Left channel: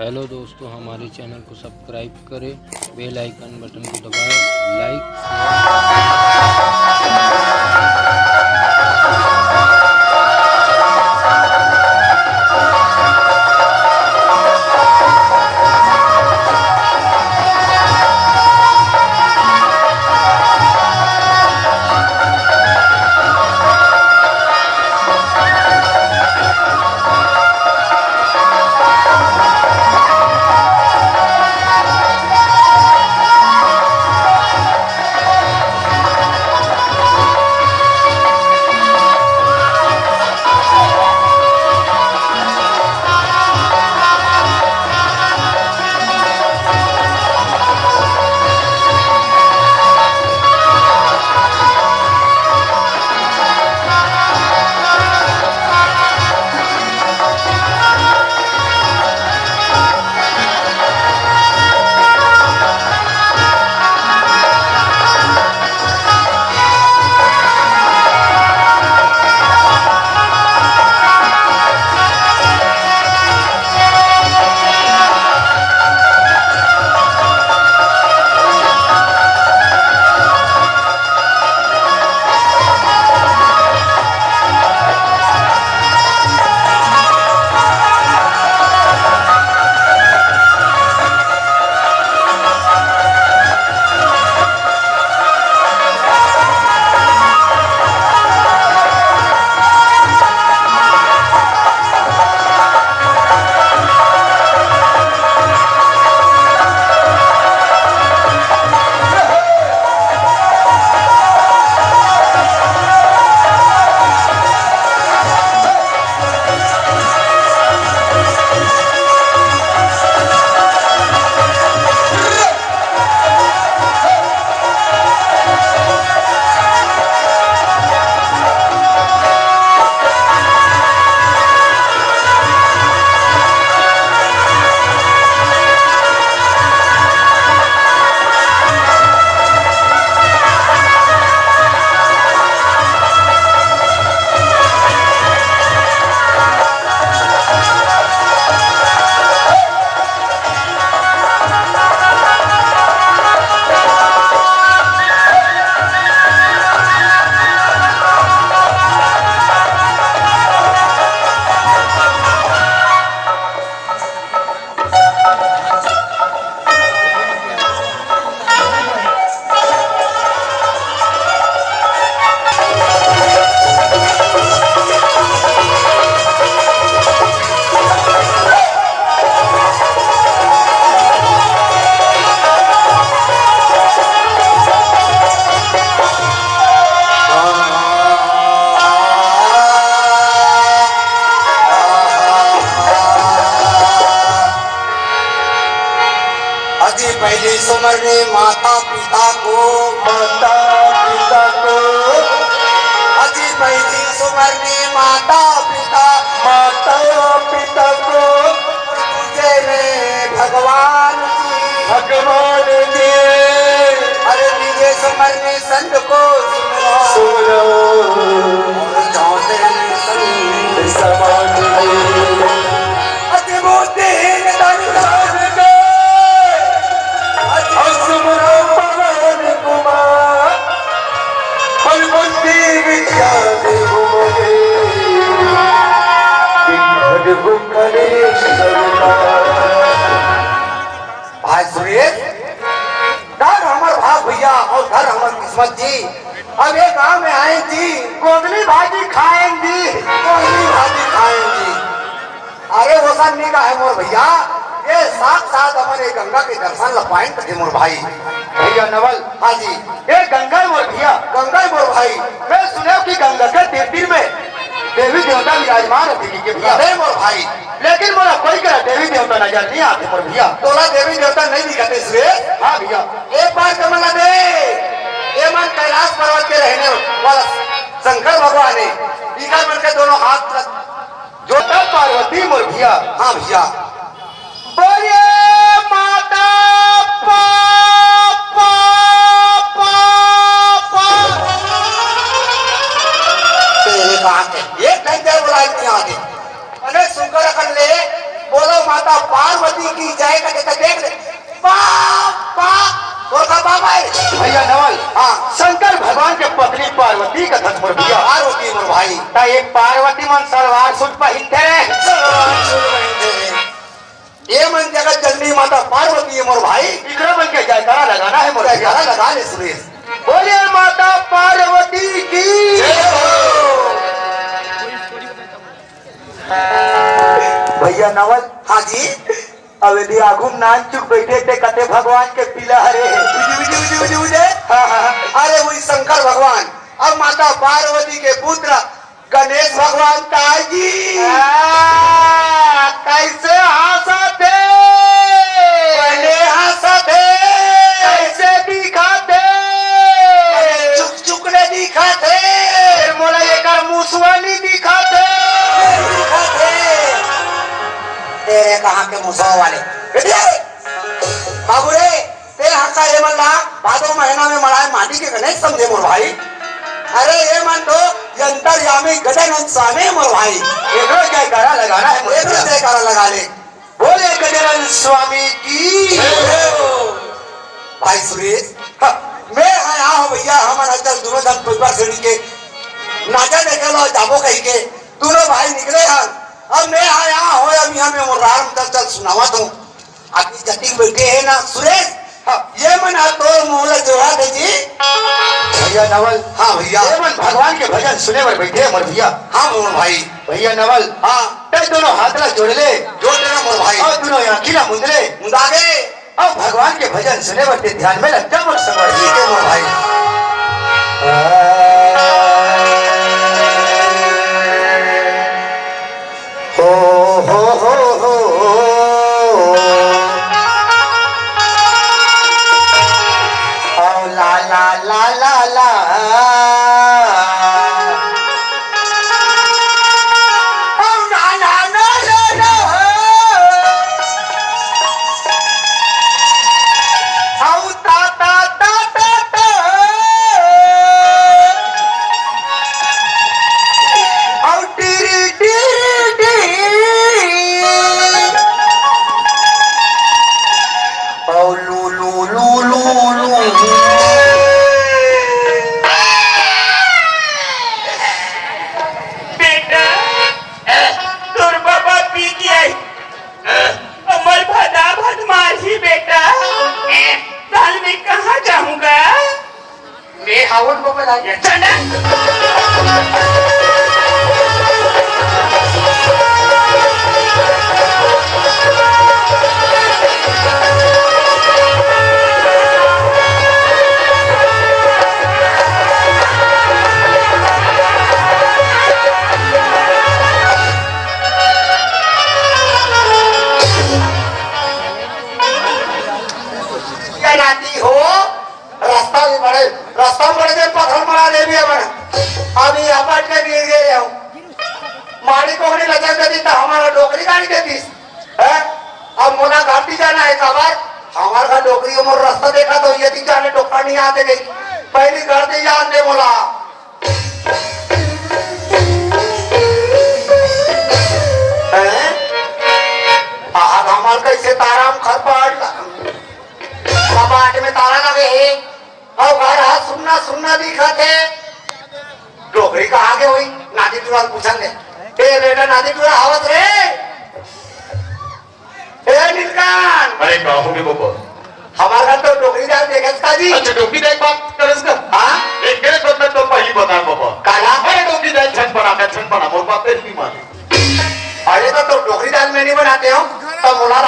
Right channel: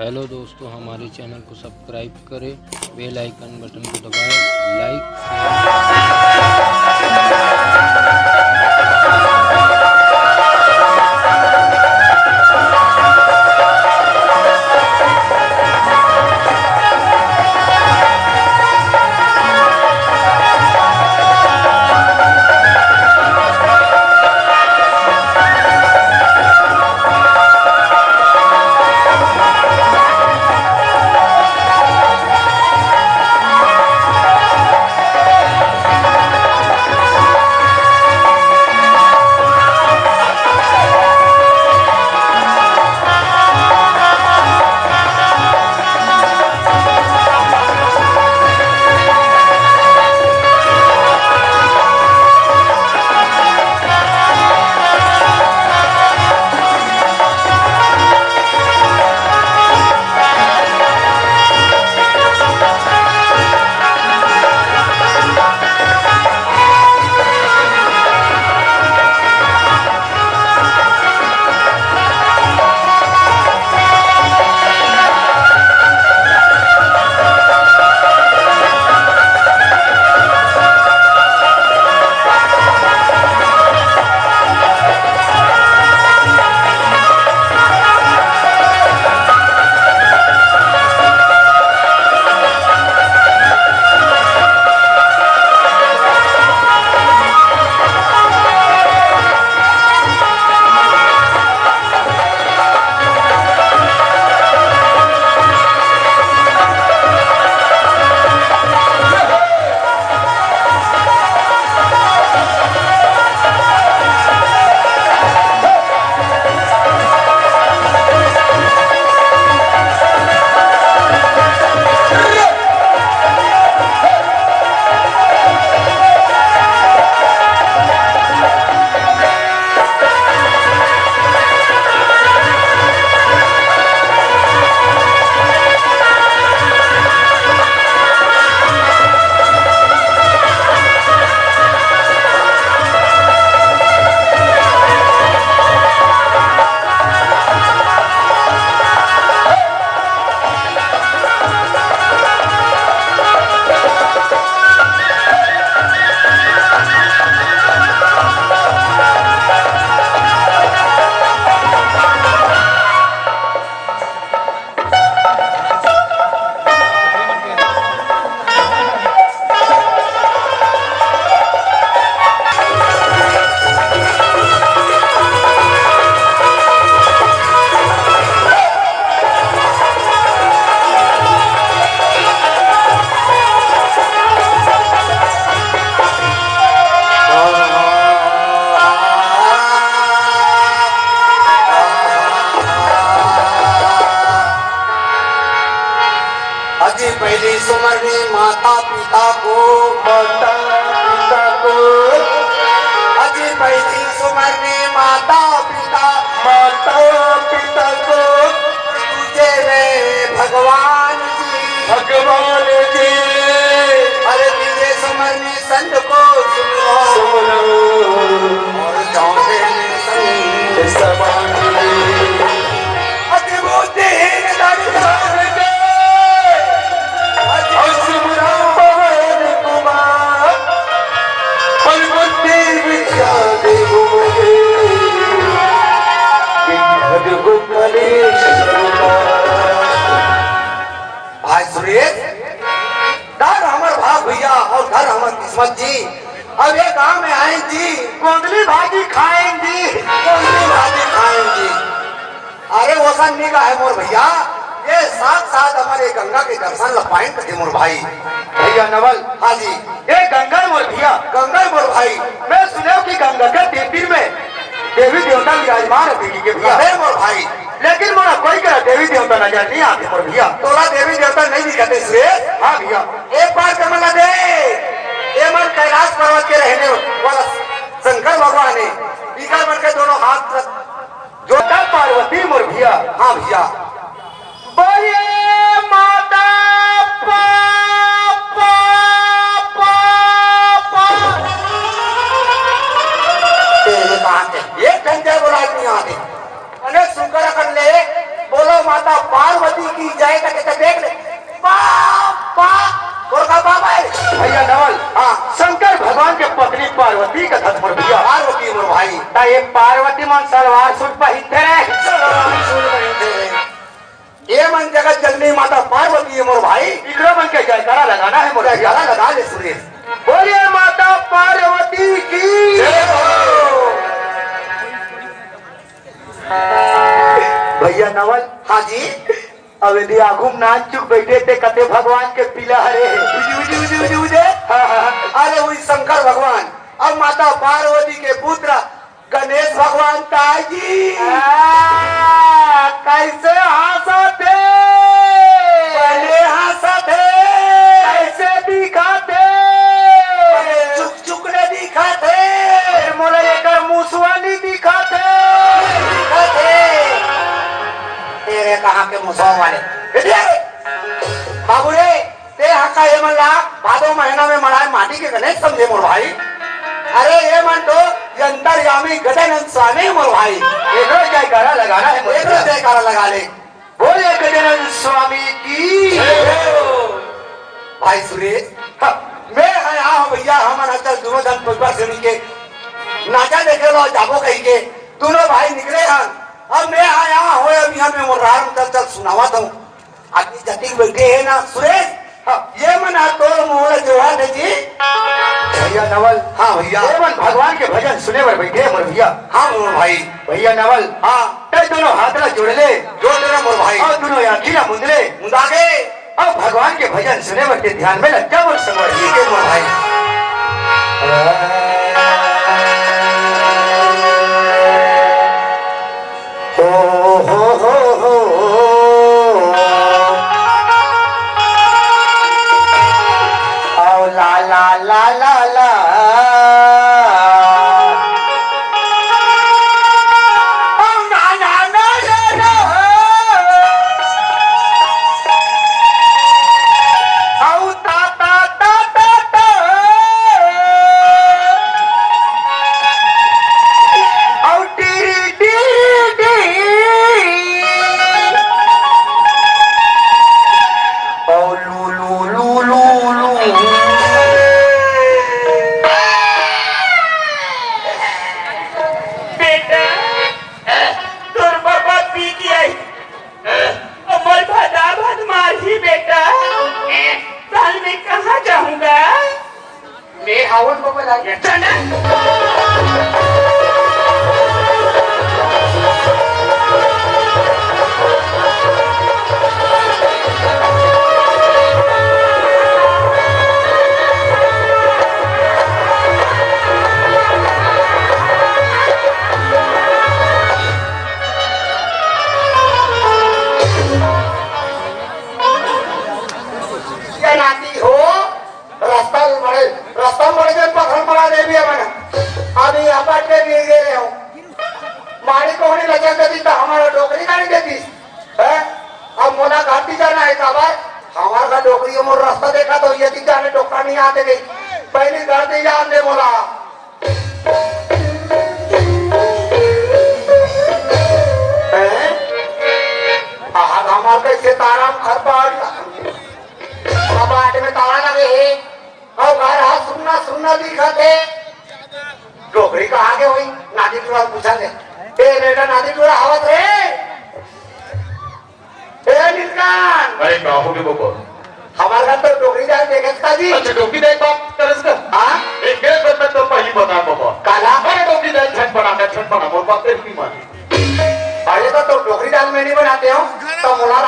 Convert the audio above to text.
Hello दोस्तों, हमारे channel को सब्सक्राइब करें, बेल आइकन बटन को दबाएं, लाइक पहली समझने माता पिता को अति पहली समझने माता पिता को तेरे भगवान जी अरे तुझे समझने संत को सुनो अति बुद्धिहीन भाई सुनिए, दाद हमारे भाग भैया और घर हमारी किस्मत जी। अब ये गांव में आएंगी गोगली भाजी खाएंगी, अरे वो सब नहीं का है मोर भैया, ये साथ साथ हमारे गंगा के दर्शन ला पाएंगे मोर भाई भैया नवल। हाँ जी, ये गंगा मोर भैया, गंगा मोर भाई। मैं सुना कि गंगा के देवी में देवी देवता विराजमान होती के भैया मोर भाई, लेकिन मोरा कोई का देवी देवता नजर नहीं आते मोर भैया। तोला देवी देवता नहीं दिखते से? हाँ भैया, एक बार कमला दे ये मन कैलाश पर्वत के रहने वाला शंकर भगवान है, इधर मन के दोनों हाथ जोड़कर पार्वती मोर भैया। हाँ भैया, बोलिए माता एक घंटे बोला नहीं आते, अनेक सुंदर कर ले बोला माता पार्वती का ये पार्वती मन सलवार सूट पहिनते रहे ये मन जगत जननी माता पार्वती है मोर भाई इकड़ो मन के जयकारा लगाना है मोर जयकारा लगा ले सुरेश बोले माता पार्वती की भैया नवल हाँ जी अब यदि आगुम नाच चुक बैठे थे कते भगवान के पीला हरे हाँ हाँ अरे वही शंकर भगवान अब माता पार्वती के पुत्र गणेश भगवान ताजी कैसे हंसते बने हंसते कैसे दिखाते चुक चुकने दिखाते मोला एक मुसवानी दिखाते तेरे कहाँ के मुसवा वाले बाबू रे तेरे हाथ का ये मन रहा भादो महीना में मराए माटी के गणेश समझे मोर भाई अरे ये मन तो अंतर्यामी गजानन स्वामी मोर भाई एक जयकारा लगाना है एक जयकारा लगा ले बोले गजानन स्वामी की भाई सुरेश मैं आया हूँ भैया हमारा चल दोनों धन परिवार से के नाचा देखे लो जाबो कहीं के दोनों भाई निकले हैं और मैं आया हो अभी हमें वो राम चल सुनावा दो आपकी जटिंग बैठे है ना सुरेश ये मन आप तो मोहल्ला जोड़ा दे जी भैया नवल हाँ भैया ये मन भगवान के भजन सुने पर बैठे मोर भैया हाँ मोर भाई भैया नवल हाँ ते दोनों हाथ ना जोड़ ले जोड़ देना मोर भाई और दोनों आँखी ना मुंद ले मुदागे और भगवान के भजन सुने पर ध्यान में लग जा मोर संग के मोर भाई हो आओ ला ला ला ला ला ओ ना ना ना ना ना आओ ता ता ता ता ता आओ teary teary Oh, lu lu lu lu lu. बेटा तोर बाबा पी गया अमर भदा भद मारी बेटा साल में कहाँ जाऊंगा मैं हाउड बाबा लाया चंदा हो रास्ता में बड़े जब पत्थर पड़ा दे भी हमारा अभी अपार्ट में गिर गए हो माड़ी कोहनी लचक देती तो हमारा डोकरी गाड़ी देती है अब मोना घाटी जाना है खबर हमारा का डोकरी को मोर रास्ता देखा तो ये थी जाने डोकरा नहीं आते गई पहली घर से जान दे बोला आज हमारे कैसे ताराम खर पड़ में ताला लगे है और घर हाथ सुनना सुनना दिखा थे डोकरी का आगे हुई नादी टूरा पूछा ले बेटा नादी टूरा आवत रे नीलकांत अरे काहू के बोको हमारे घर तो डोकरी जाल देखे था जी अच्छा डोकी देख बात करस का हाँ एक एक बंदा तो पहली बता बाबा काला अरे डोकी देख छन बना मोर बात तेरी मानी अरे तो डोकरी दाल में नहीं बनाते हो तो मोला